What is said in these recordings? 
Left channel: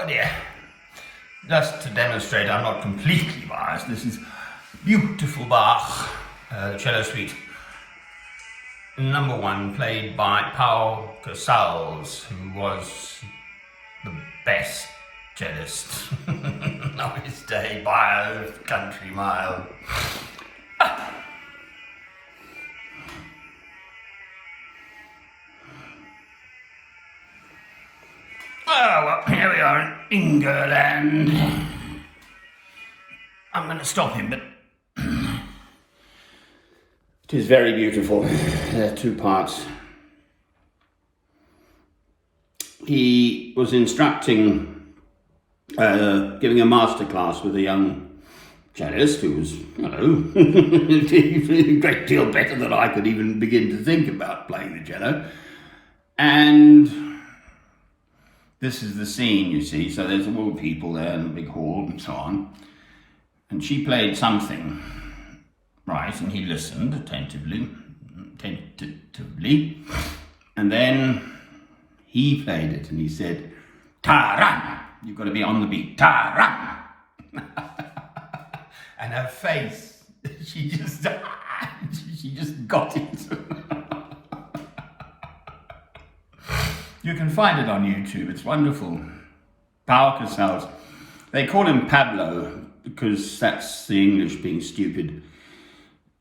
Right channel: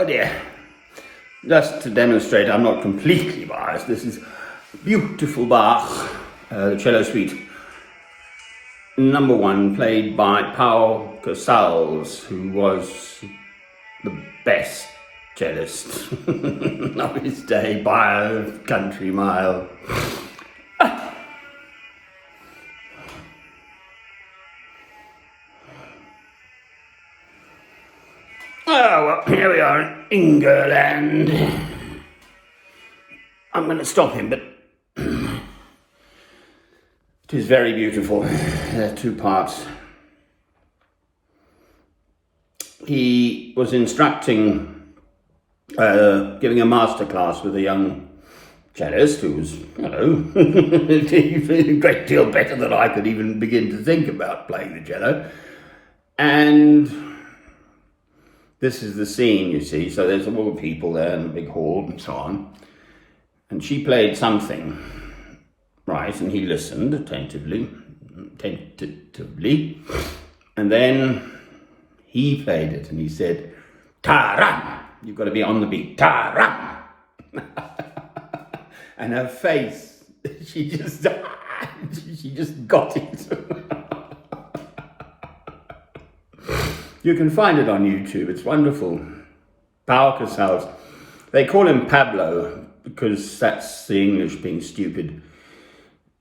Oh dear. Just to demonstrate I'm not completely biased, this is beautiful Bach, the cello suite number 1, played by Pau Casals, who was the best cellist of his day by a country mile. Oh, well, here we are in England. I'm going to stop him, but it is very beautiful. There are 2 parts. He was instructing, giving a masterclass with a young cellist who was, a great deal better than I could even begin to think about playing the cello. And this is the scene, you see, so there's all the people there in the big hall and so on. And she played something, right, and he listened attentively, and then he played it and he said, "Ta-ram, you've got to be on the beat, ta-ram." And her face, she just got it. You can find it on YouTube, it's wonderful. Pau Casals. They call him Pablo because that's the English being stupid.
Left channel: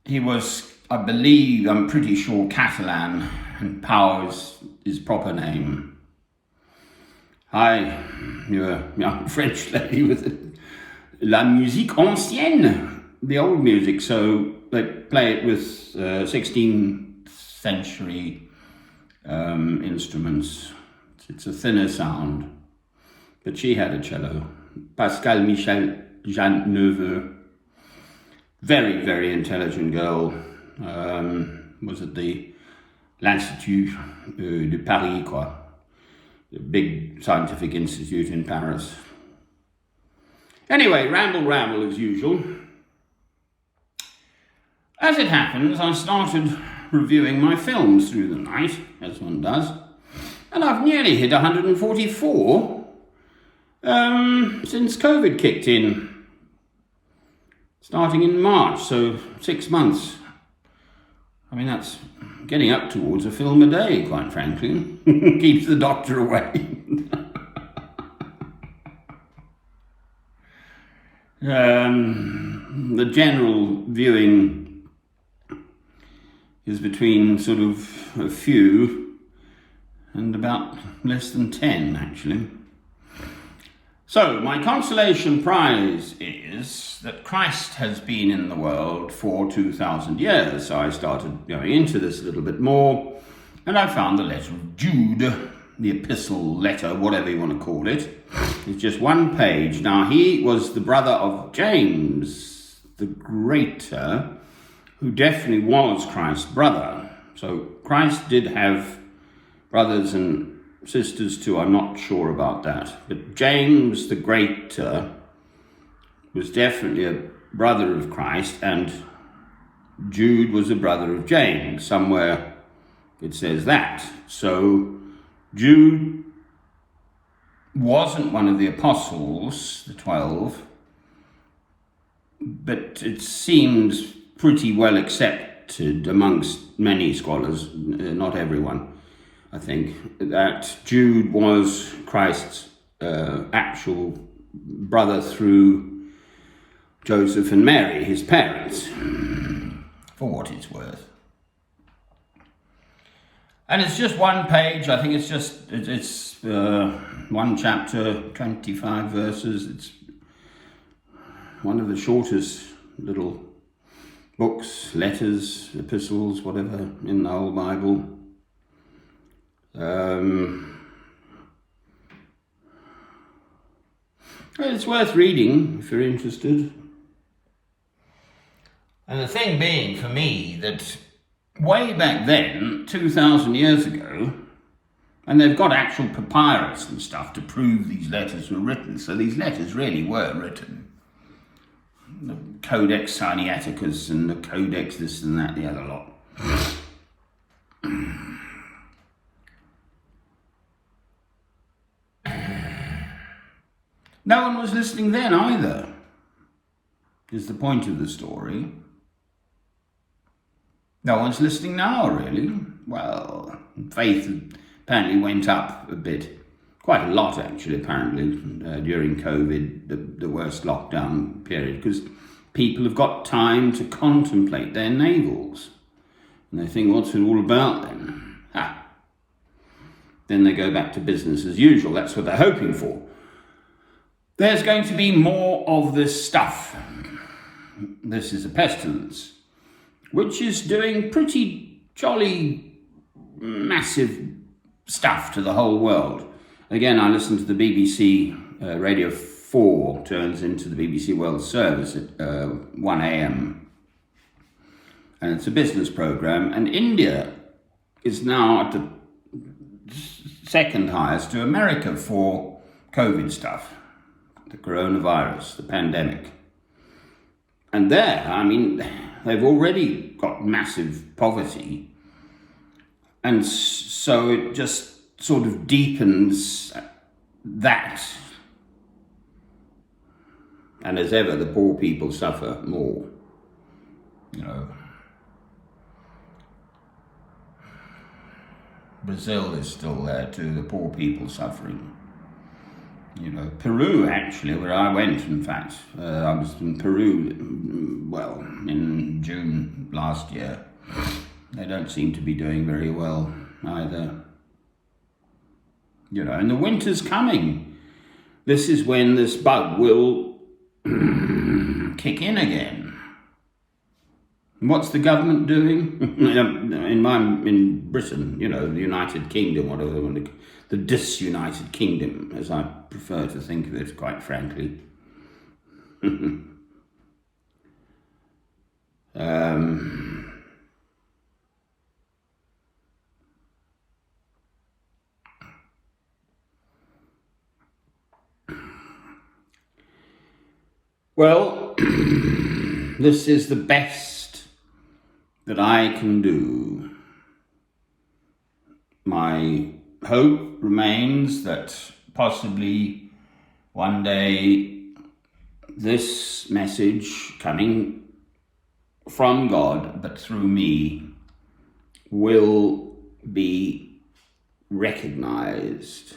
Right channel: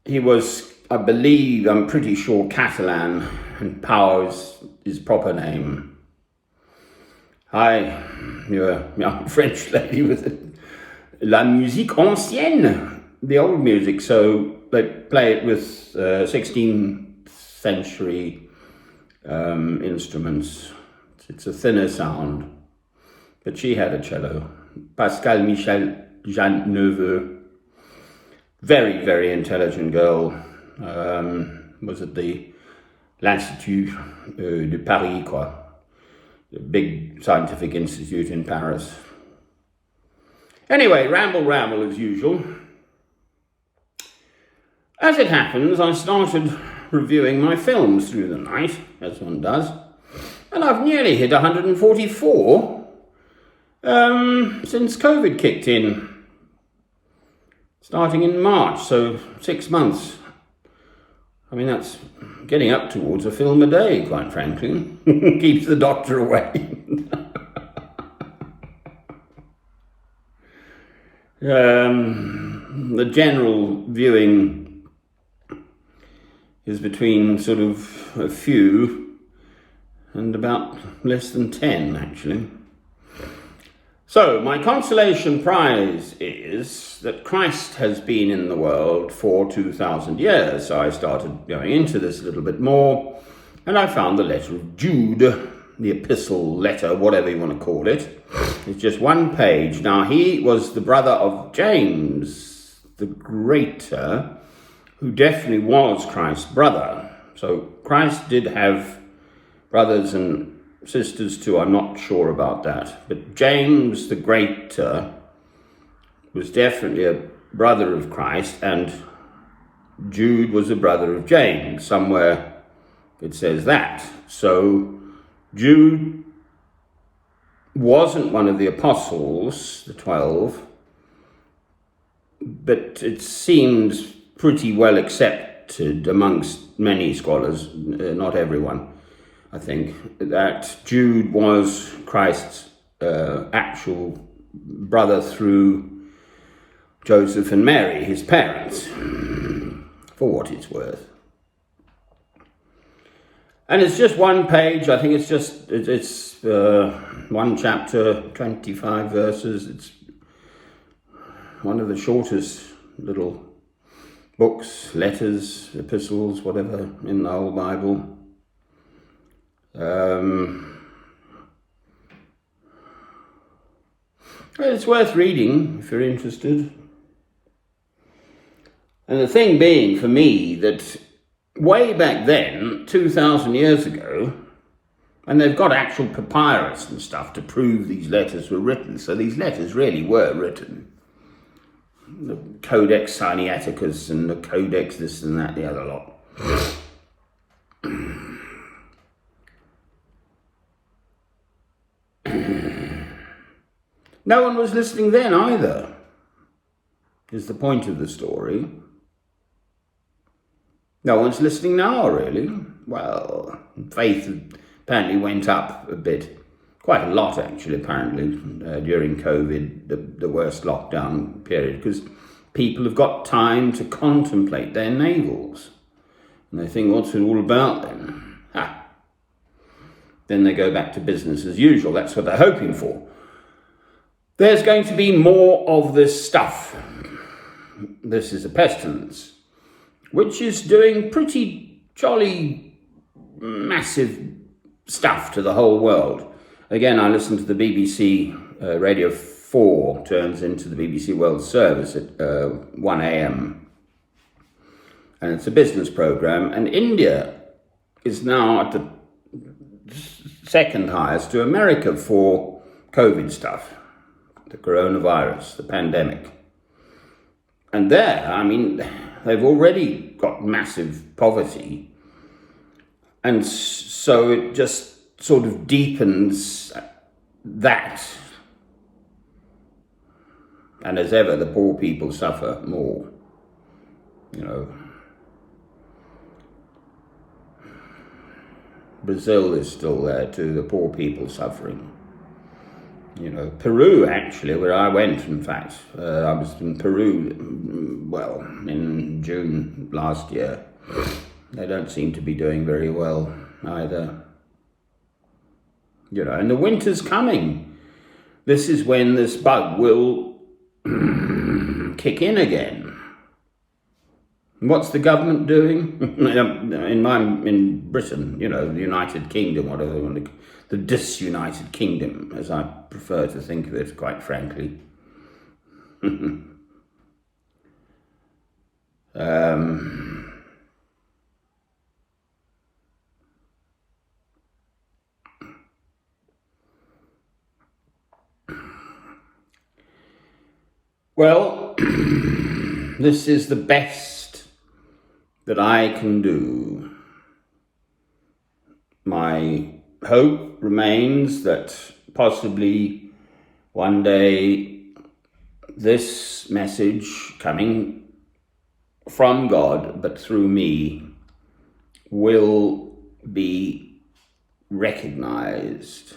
He was, I believe, I'm pretty sure, Catalan, and Pau is his proper name. You're a young French lady with la musique ancienne, the old music, so they play it with 16th century instruments. It's a thinner sound, but she had a cello. Pascal Michel Jean Neveu, very, very intelligent girl, was at the l'Institut de Paris, the big scientific institute in Paris. Anyway, ramble as usual. As it happens, I started reviewing my films through the night, as one does, and I've nearly hit 144 since COVID kicked in, starting in March, so 6 months. I mean, that's getting up towards a film a day, quite frankly. Keeps the doctor away. The general viewing is between sort of a few and about less than 10, actually. So, my consolation prize is that Christ has been in the world for 2,000 years. So I started going into this a little bit more, and I found the letter of Jude, the epistle, letter, whatever you want to call it. It's just 1 page. Now, he was the brother of James the Greater, who definitely was Christ's brother. So Christ did have brothers and sisters too, I'm not sure about that. But James the Greater was definitely a brother of Christ, and Jude was a brother of James. Somewhere it says that. So Jude wasn't one of the apostles, the 12, but it seems pretty well accepted amongst many scholars, not everyone, I think, that Jude was Christ's actual brother through Joseph and Mary, his parents, for what it's worth. And it's just 1 page. I think it's 1 chapter, 25 verses. It's one of the shortest little books, letters, epistles, whatever, in the whole Bible. It's worth reading if you're interested. And the thing being for me that way back then, 2,000 years ago, and they've got actual papyrus and stuff to prove these letters were written, so these letters really were written. The Codex Sinaiticus and the Codex this and that, the other lot. No one was listening then either, is the point of the story. No one's listening now, really. Well, faith apparently went up a bit, quite a lot actually, apparently, during COVID, the worst lockdown period, because people have got time to contemplate their navels. And they think, what's it all about then? Then they go back to business as usual. That's what they're hoping for. There's going to be more of this stuff. This is a pestilence, which is doing pretty jolly massive stuff to the whole world. Again, I listened to the BBC Radio 4, turns into the BBC World Service at 1 a.m. And it's a business program. And India is now at the second highest to America for COVID stuff, the coronavirus, the pandemic. And there, I mean, they've already got massive poverty. And so it just sort of deepens that. And as ever, the poor people suffer more, you know. Brazil is still there too, the poor people suffering. You know, Peru actually, where I went, in fact. I was in Peru, well, in June last year. They don't seem to be doing very well either. You know, and the winter's coming. This is when this bug will kick in again. What's the government doing? in Britain, you know, the United Kingdom, whatever they want to, the disunited kingdom, as I prefer to think of it, quite frankly. Well, this is the best that I can do. My hope remains that possibly one day this message coming from God, but through me, will be recognized.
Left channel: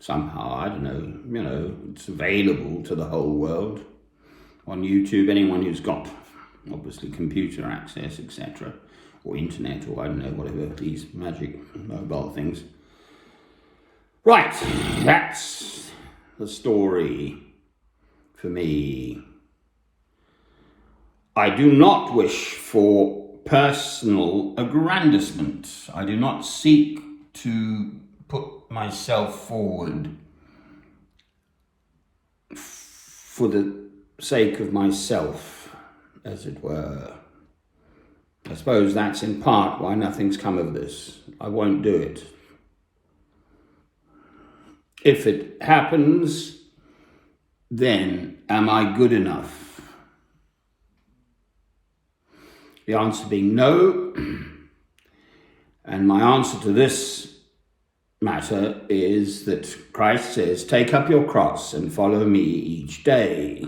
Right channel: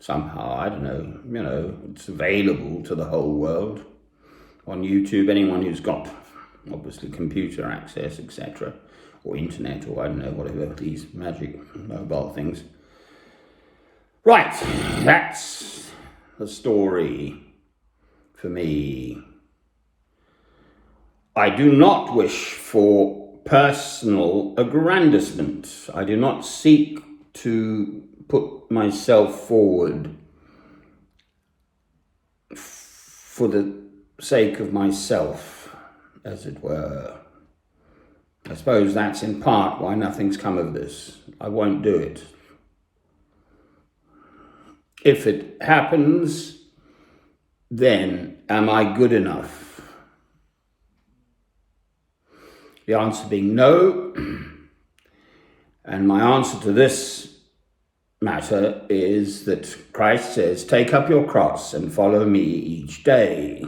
Somehow, I don't know, you know, it's available to the whole world on YouTube. Anyone who's got, obviously, computer access, etc., or internet, or I don't know, whatever, these magic mobile things. Right, that's the story for me. I do not wish for personal aggrandizement. I do not seek to put myself forward for the sake of myself, as it were. I suppose that's in part why nothing's come of this. I won't do it. If it happens, then am I good enough? The answer being no. And my answer to this matter is that Christ says, take up your cross and follow me each day.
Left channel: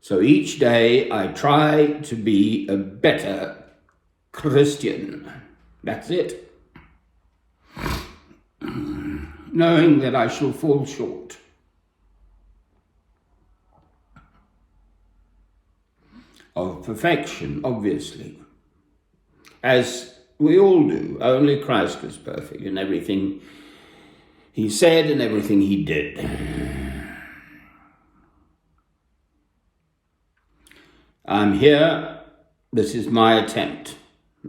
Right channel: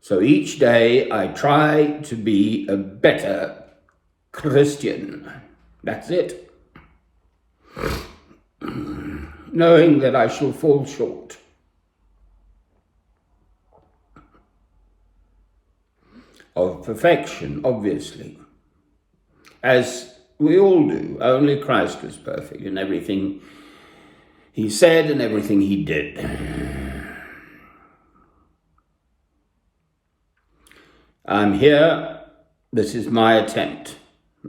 So each day I try to be a better Christian. That's it. Knowing that I shall fall short. Of perfection, obviously. As we all do. Only Christ is perfect in everything he said and everything he did. I'm here. This is my attempt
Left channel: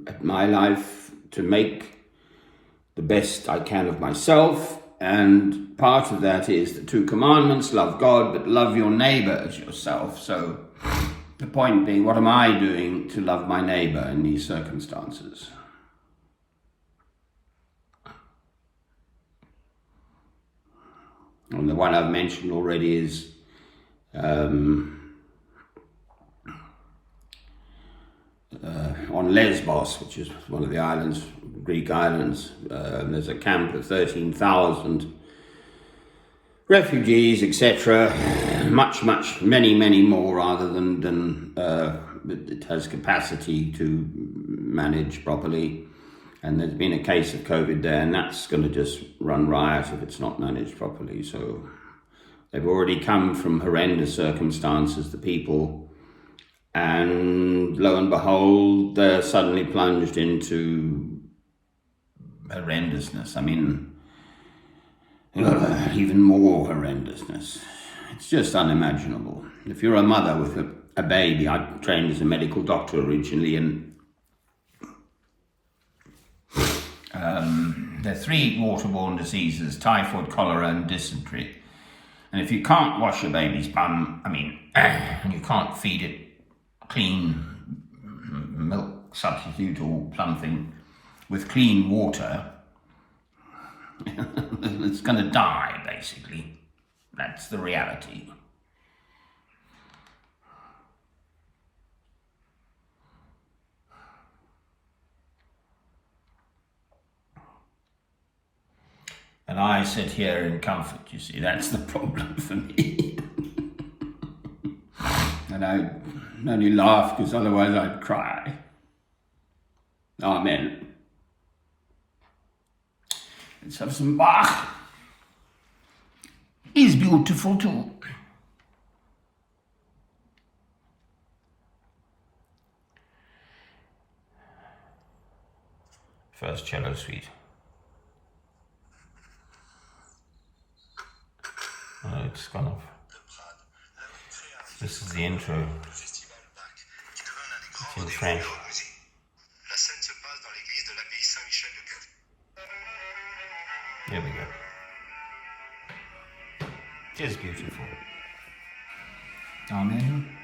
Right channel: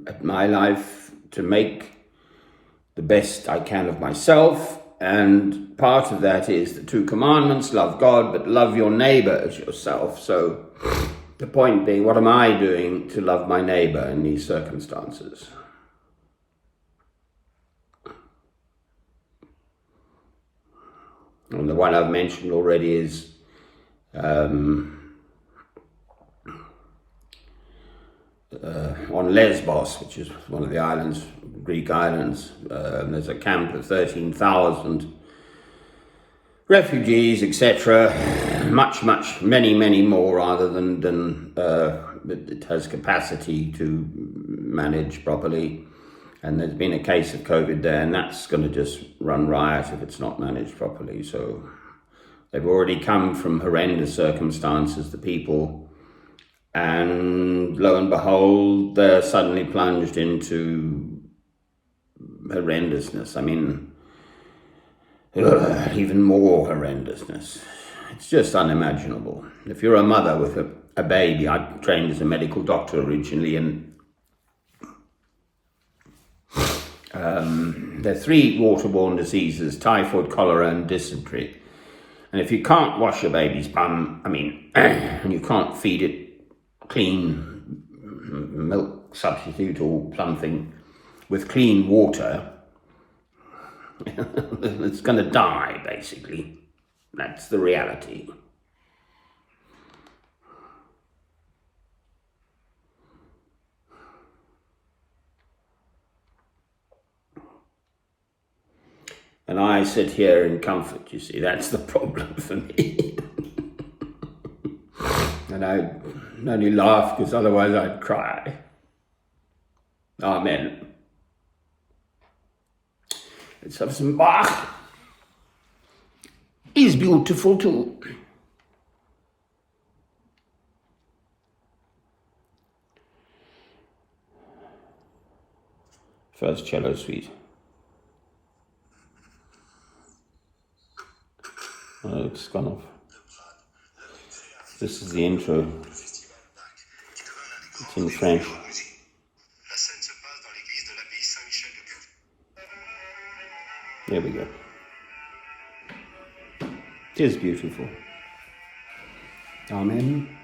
at my life to make the best I can of myself. And part of that is the 2 commandments, love God, but love your neighbor as yourself. So the point being, what am I doing to love my neighbor in these circumstances? And the one I've mentioned already is on Lesbos, which is one of the islands, Greek islands. There's a camp of 13,000 refugees, etc. Many more, rather than it has capacity to manage properly. And there's been a case of COVID there, and that's going to just run riot if it's not managed properly. So they've already come from horrendous circumstances, the people, and lo and behold, they're suddenly plunged into horrendousness. I mean, even more horrendousness. It's just unimaginable. If you're a mother with a baby, I trained as a medical doctor originally, and there are 3 waterborne diseases: typhoid, cholera, and dysentery. And if you can't wash your baby's bum, I mean, and you can't feed it clean milk substitute or something with clean water, it's going to die, basically. That's the reality. And I sit here in comfort, you see, that's the problem for me. And I only laugh because otherwise I'd cry. Amen. Let's have some Bach. He's beautiful too. First cello suite. Oh, it's gone off. This is the intro. It's in French. There we go. It is beautiful. Amen.